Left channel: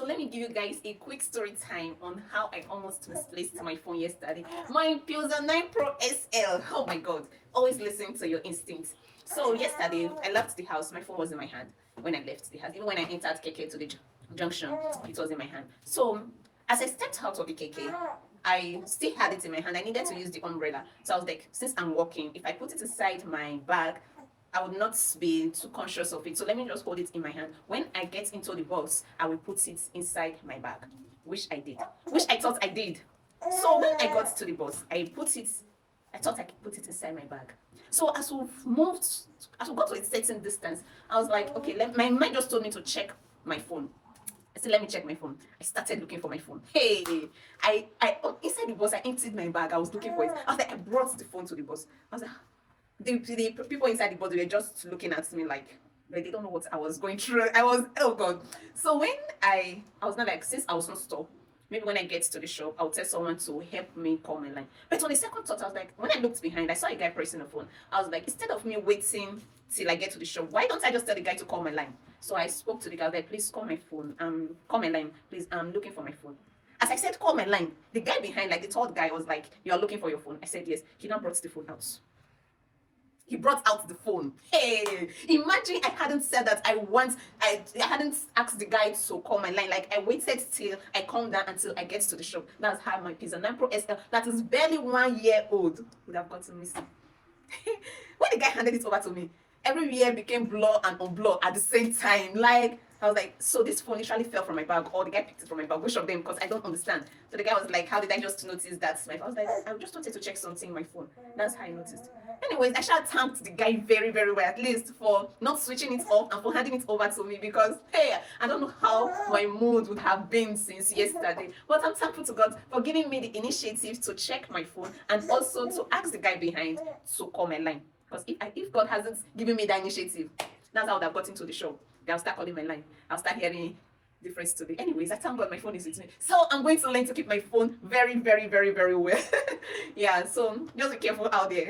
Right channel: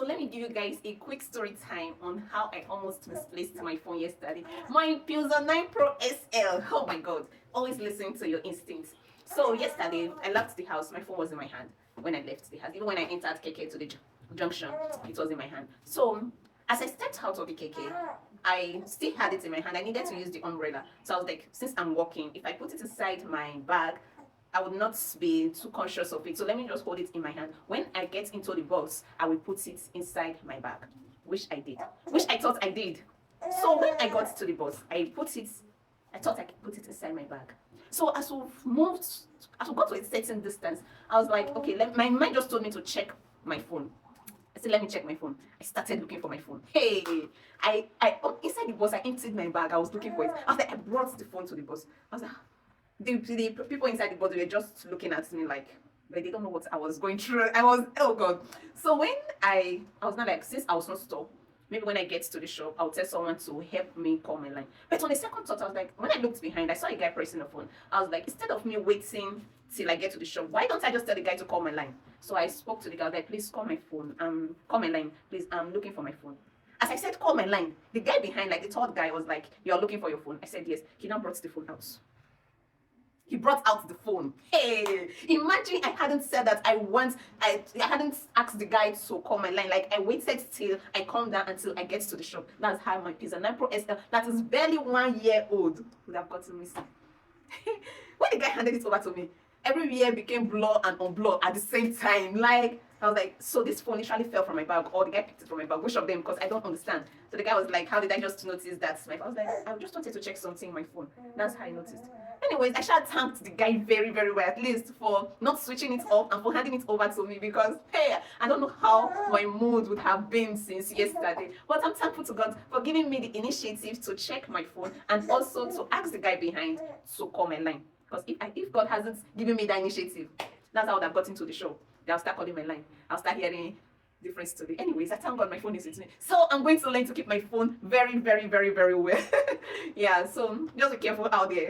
So let me give you guys a quick story time on how I almost misplaced my phone yesterday. My Pulsar 9 Pro SL. Oh my god. Always listen to your instincts. So yesterday I left the house. My phone was in my hand when I left the house. Even when I entered KK to the junction, it was in my hand. So as I stepped out of the KK, I still had it in my hand. I needed to use the umbrella. So I was like, since I'm walking, if I put it inside my bag, I would not be too conscious of it. So let me just hold it in my hand. When I get into the bus, I will put it inside my bag, which I did, which I thought I did. So when I got to the bus, I thought I could put it inside my bag. So as we got to a certain distance, I was like, okay, my mind just told me to check my phone. I said, let me check my phone. I started looking for my phone. Hey, inside the bus, I emptied my bag. I was looking for it. I was like, I brought the phone to the bus. I was like, the people inside the bus were just looking at me like, but they don't know what I was going through. Oh god. So when I was not like, since I was not store, maybe when I get to the shop, I'll tell someone to help me call my line. But on a second thought, I was like, when I looked behind, I saw a guy pressing the phone. I was like, instead of me waiting till I get to the shop, why don't I just tell the guy to call my line? So I spoke to the guy, like, please call my phone. Call my line, please. I'm looking for my phone. As I said, call my line, the guy behind, like the third guy, was like, you're looking for your phone. I said, yes. He now brought the phone out. He brought out the phone. Hey, imagine I hadn't said that I hadn't asked the guy to call my line. Like, I waited till I calmed down until I get to the shop. That's how my Pulsar 9 Pro SL, that is barely 1 year old, would have gotten missing. When the guy handed it over to me, every year became blur and unblur at the same time. Like, I was like, so this phone literally fell from my bag, or the guy picked it from my bag, which of them? Because I don't understand. So the guy was like, how did I just notice that? I was like, I just wanted to check something in my phone. That's how I noticed. Anyways, I should thanked the guy very, very well, at least for not switching it off and for handing it over to me, because hey, I don't know how my mood would have been since yesterday. But I'm thankful to God for giving me the initiative to check my phone and also to ask the guy behind to call my line. Because if God hasn't given me that initiative, that's how I would have gotten to the show. Then I'll start calling my line. I'll start hearing different story. Anyways, I thank God my phone is with me. So I'm going to learn to keep my phone very, very, very, very well. Yeah, so just be careful out there.